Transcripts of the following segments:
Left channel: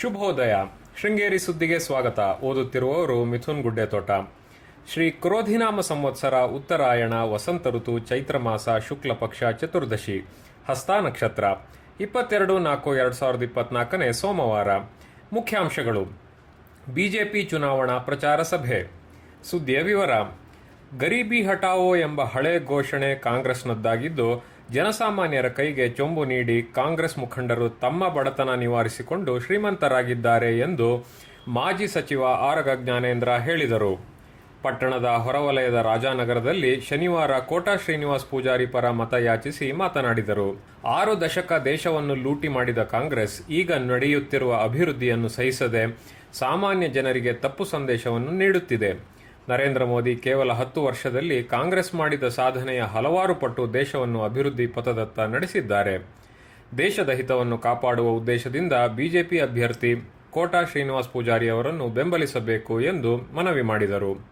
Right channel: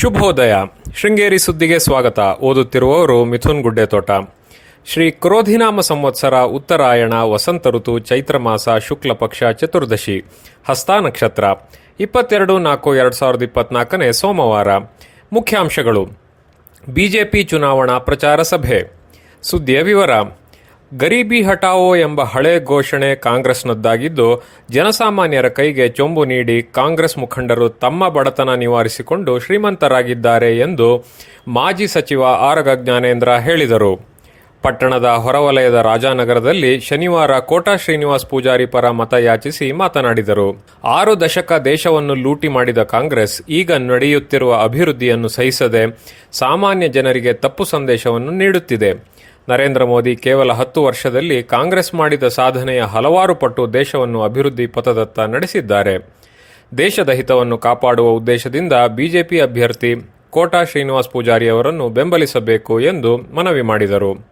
ಶುಭೋದಯ. ಶೃಂಗೇರಿ ಸುದ್ದಿಗೆ ಸ್ವಾಗತ. ಓದುತ್ತಿರುವವರು ಮಿಥುನ್ ಗುಡ್ಡೆತೋಟ. ಶ್ರೀ ಕ್ರೋಧಿನಾಮ ಸಂವತ್ಸರ ಉತ್ತರಾಯಣ, ವಸಂತ ಋತು, ಚೈತ್ರ ಮಾಸ, ಶುಕ್ಲ ಪಕ್ಷ, ಚತುರ್ದಶಿ, ಹಸ್ತ ನಕ್ಷತ್ರ. ಇಪ್ಪತ್ತೆರಡು ನಾಲ್ಕು ಎರಡು ಸಾವಿರದ ಇಪ್ಪತ್ನಾಲ್ಕನೇ ಸೋಮವಾರ. ಮುಖ್ಯಾಂಶಗಳು. ಬಿಜೆಪಿ ಚುನಾವಣಾ ಪ್ರಚಾರ ಸಭೆ. ಸುದ್ದಿಯ ವಿವರ. ಗರೀಬಿ ಹಟಾವೋ ಎಂಬ ಹಳೆ ಘೋಷಣೆ ಕಾಂಗ್ರೆಸ್ನದ್ದಾಗಿದ್ದು, ಜನಸಾಮಾನ್ಯರ ಕೈಗೆ ಚೊಂಬು ನೀಡಿ ಕಾಂಗ್ರೆಸ್ ಮುಖಂಡರು ತಮ್ಮ ಬಡತನ ನಿವಾರಿಸಿಕೊಂಡು ಶ್ರೀಮಂತರಾಗಿದ್ದಾರೆ ಎಂದು ಮಾಜಿ ಸಚಿವ ಆರಗ ಜ್ಞಾನೇಂದ್ರ ಹೇಳಿದರು. ಪಟ್ಟಣದ ಹೊರವಲಯದ ರಾಜಾನಗರದಲ್ಲಿ ಶನಿವಾರ ಕೋಟಾ ಶ್ರೀನಿವಾಸ್ ಪೂಜಾರಿ ಪರ ಮತಯಾಚಿಸಿ ಮಾತನಾಡಿದರು. ಆರು ದಶಕ ದೇಶವನ್ನು ಲೂಟಿ ಮಾಡಿದ ಕಾಂಗ್ರೆಸ್ ಈಗ ನಡೆಯುತ್ತಿರುವ ಅಭಿವೃದ್ಧಿಯನ್ನು ಸಹಿಸದೆ ಸಾಮಾನ್ಯ ಜನರಿಗೆ ತಪ್ಪು ಸಂದೇಶವನ್ನು ನೀಡುತ್ತಿದೆ. ನರೇಂದ್ರ ಮೋದಿ ಕೇವಲ ಹತ್ತು ವರ್ಷದಲ್ಲಿ ಕಾಂಗ್ರೆಸ್ ಮಾಡಿದ ಸಾಧನೆಯ ಹಲವಾರು ಪಟ್ಟು ದೇಶವನ್ನು ಅಭಿವೃದ್ಧಿ ಪಥದತ್ತ ನಡೆಸಿದ್ದಾರೆ. ದೇಶದ ಹಿತವನ್ನು ಕಾಪಾಡುವ ಉದ್ದೇಶದಿಂದ ಬಿಜೆಪಿ ಅಭ್ಯರ್ಥಿ ಕೋಟಾ ಶ್ರೀನಿವಾಸ್ ಪೂಜಾರಿ ಅವರನ್ನು ಬೆಂಬಲಿಸಬೇಕು ಎಂದು ಮನವಿ ಮಾಡಿದರು.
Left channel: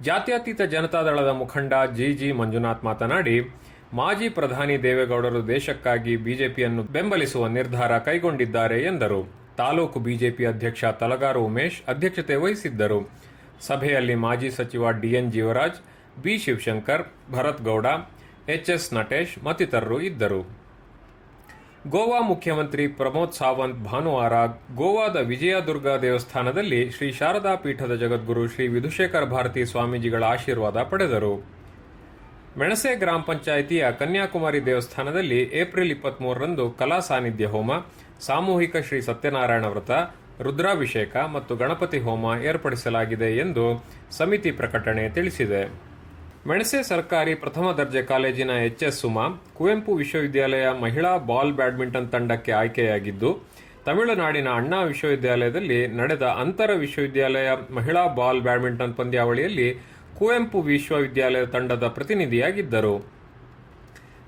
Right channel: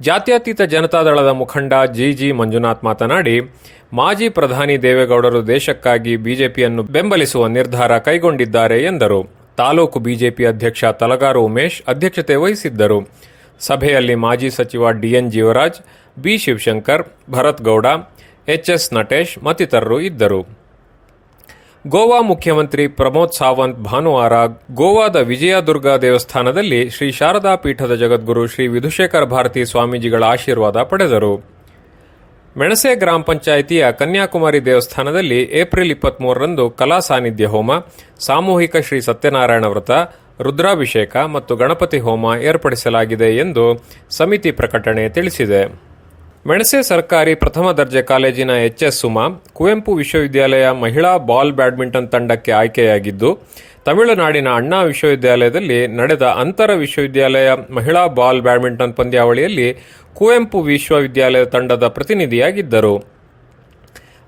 ಜಾತ್ಯತೀತ ಜನತಾದಳದ ಮುಖಂಡ ಜಿ ಜಿ ಮಂಜುನಾಥ್ ಮಾತನಾಡಿ, ಮಾಜಿ ಪ್ರಧಾನಿ ದೇವೇಗೌಡರು ದೇಶಕ್ಕಾಗಿ ಬಿಜೆಪಿಯನ್ನು ಬೆಂಬಲಿಸುವ ನಿರ್ಧಾರ ಕೈಗೊಂಡಿದ್ದಾರೆ ಎಂದರು. ತಾಲೂಕು ಬಿಜೆಪಿ ಅಧ್ಯಕ್ಷ ತಲಗಾರು ಉಮೇಶ್ ಅಧ್ಯಕ್ಷತೆ ವಹಿಸಿದ್ದರು. ಸಭೆಯಲ್ಲಿ ಮಾಜಿ ಸಚಿವ D N Jeevaraj, B Shivashankar, Bharat Gowda H S Natesh ಮತ್ತಿತರರು ಇದ್ದರು. ಗೋವಾ ಮುಖ್ಯಮಂತ್ರಿ ಪ್ರಮೋದ್ ಸಾವಂತ್ ಭಾನುವಾರ ಗೋವಾದ ವಿಜಯದುರ್ಗ ದೇವಸ್ಥಾನದಲ್ಲಿ ಶ್ರೀ ಶಾರದಾ ಪೀಠದ ಜಗದ್ಗುರು ಶ್ರೀ ವಿಧುಶೇಖರ ಭಾರತಿ ಸ್ವಾಮೀಜಿಗಳ ಆಶೀರ್ವಾದ ಪಡೆದರು. ಮೆಣಸೆ ಗ್ರಾಮ ಪಂಚಾಯಿತಿಯ ಕನ್ಯಾಕುಮಾರಿ ದೇವಸ್ಥಾನದಲ್ಲಿ ಏಪ್ರಿಲ್ ಇಪ್ಪತ್ತ್ಮೂರರಂದು ಕಲಾ ಸಾನ್ನಿಧ್ಯ ಹೋಮ, ಸಾಮೂಹಿಕ ಶ್ರೀ ಸತ್ಯನಾರಾಯಣ ವ್ರತ ರುದ್ರಾಭಿಷೇಕ ಮತ್ತು ಗಣಪತಿ ಹೋಮ ಏರ್ಪಡಿಸಲಾಗಿದೆ ಎಂದು ಸಮಿತಿ ಪ್ರಕಟಣೆ ತಿಳಿಸಿದೆ. ಮೆಣಸೆ ಸರ್ಕಾರಿ ಪ್ರಥಮ ದರ್ಜೆ ಕಾಲೇಜಿನ ಎಚ್ ಎಸ್ ಸುಮಾ, ಕುವೆಂಪು ವಿಶ್ವವಿದ್ಯಾಲಯ ಮಹಿಳಾ ಬಾಲ್ ಬ್ಯಾಡ್ಮಿಂಟನ್ ತಂಡಕ್ಕೆ ಆಯ್ಕೆಯಾಗಿದ್ದು, ತಮಿಳುನಾಡಿನ ಅಣ್ಣಾ ವಿಶ್ವವಿದ್ಯಾಲಯದಲ್ಲಿ ನಡೆದ ಅಂತರ ವಿಶ್ವವಿದ್ಯಾಲಯ ಮಹಿಳಾ ಬಾಲ್ ಬ್ಯಾಡ್ಮಿಂಟನ್ ಪಂದ್ಯಾವಳಿಯಲ್ಲಿ ಕುವೆಂಪು ವಿಶ್ವವಿದ್ಯಾಲಯ ತಂಡದ ಪ್ರತಿನಿಧಿಯಾಗಿದ್ದರು.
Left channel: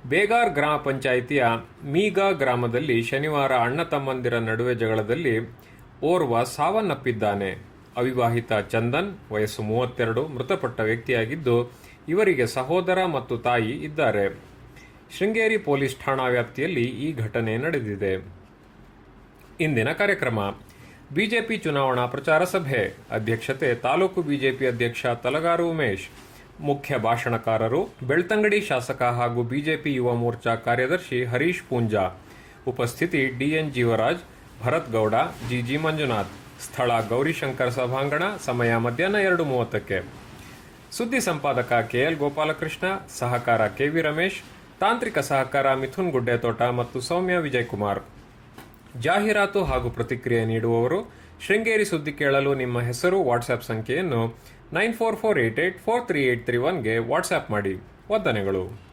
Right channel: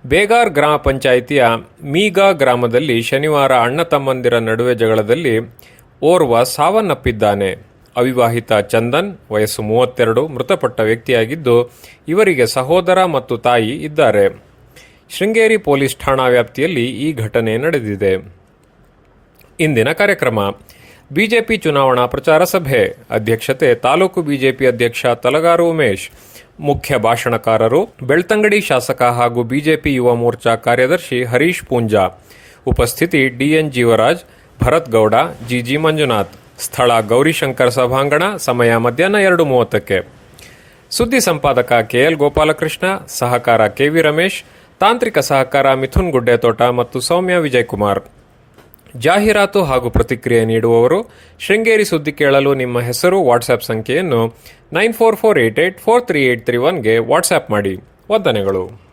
ಬೇಗಾರ್ ಗ್ರಾಮ ಪಂಚಾಯಿತಿಯ ಮೀಗಾ ಗ್ರಾಮದಲ್ಲಿ ಶನಿವಾರ ಅಣ್ಣ ತಮ್ಮಂದಿರ ನಡುವೆ ಜಗಳದಲ್ಲಿ ಓರ್ವ ಸಾವನ್ನಪ್ಪಿದ್ದಾನೆ. ಅವಿವಾಹಿತ ಚಂದನ್, ವಯಸ್ಸು ಮೂವತ್ತೆರಡು, ಮೃತಪಟ್ಟ ವ್ಯಕ್ತಿಯಾಗಿದ್ದು, ಇವರಿಗೆ ಸಹೋದರ ಮತ್ತು ತಾಯಿ ಇದ್ದಾರೆ. ಶೃಂಗೇರಿ ಪೊಲೀಸ್ ಠಾಣಾ ವ್ಯಾಪ್ತಿಯಲ್ಲಿ ಈ ಘಟನೆ ನಡೆದಿದೆ. ಇಂದಿನ ಕಾರ್ಯಕ್ರಮ. ಬಿಜೆಪಿ ಚುನಾವಣಾ ಪ್ರಚಾರ ಸಭೆ. ಅಧ್ಯಕ್ಷತೆ ತಾಲೂಕು ಬಿಜೆಪಿ ಅಧ್ಯಕ್ಷ ತಲಗಾರು ಉಮೇಶ್. ಮುಖ್ಯ ಭಾಷಣಕಾರರು, ಬೆಳ್ತಂಗಡಿ ಶಾಸಕ ಹಾಗೂ ಬಿಜೆಪಿ ಯುವ ಮೋರ್ಚಾ ಕಾರ್ಯದರ್ಶಿ ಹರೀಶ್ ಪೂಂಜಾ. ಉಪಸ್ಥಿತಿ D N Jeevaraj Bharat Gowda G G Manjunath, ಸ್ಥಳ ಗೌರಿಶಂಕರ್ ಸಭಾಂಗಣ, ಸಮಯ ಮಧ್ಯಾಹ್ನ ಎರಡು ಮೂವತ್ತಕ್ಕೆ. ಸುದ್ದಿ ಸಂಪಾದಕ ಕೆ ಎಲ್ ಗೋಪಾಲಕೃಷ್ಣ, ಸಹಕಾರ ಕೆ ವಿ ರಮೇಶ್, ತಾಂತ್ರಿಕ ಸಹಕಾರ ಮಿಥುನ್ ಗುಡ್ಡೆತೋಟ ಮತ್ತು ಸೌಮ್ಯ ವಿಜಯಕುಮಾರ್. ಜಾಹೀರಾತು ಹಾಗೂ ಪ್ರತಿಕ್ರಿಯೆ ನೀಡುವವರು ಶೃಂಗೇರಿ ಸುದ್ದಿ ಕೇಳಲು ನಿಮ್ಮ ಹೆಸರು, ವಾಟ್ಸ್ಆ್ಯಪ್ ಸಂಖ್ಯೆಯನ್ನು nine four four eight eight four three eight three ಒನ್ಗೆ WhatsApp ಮಾಡಿ. ವಂದನೆಗಳು.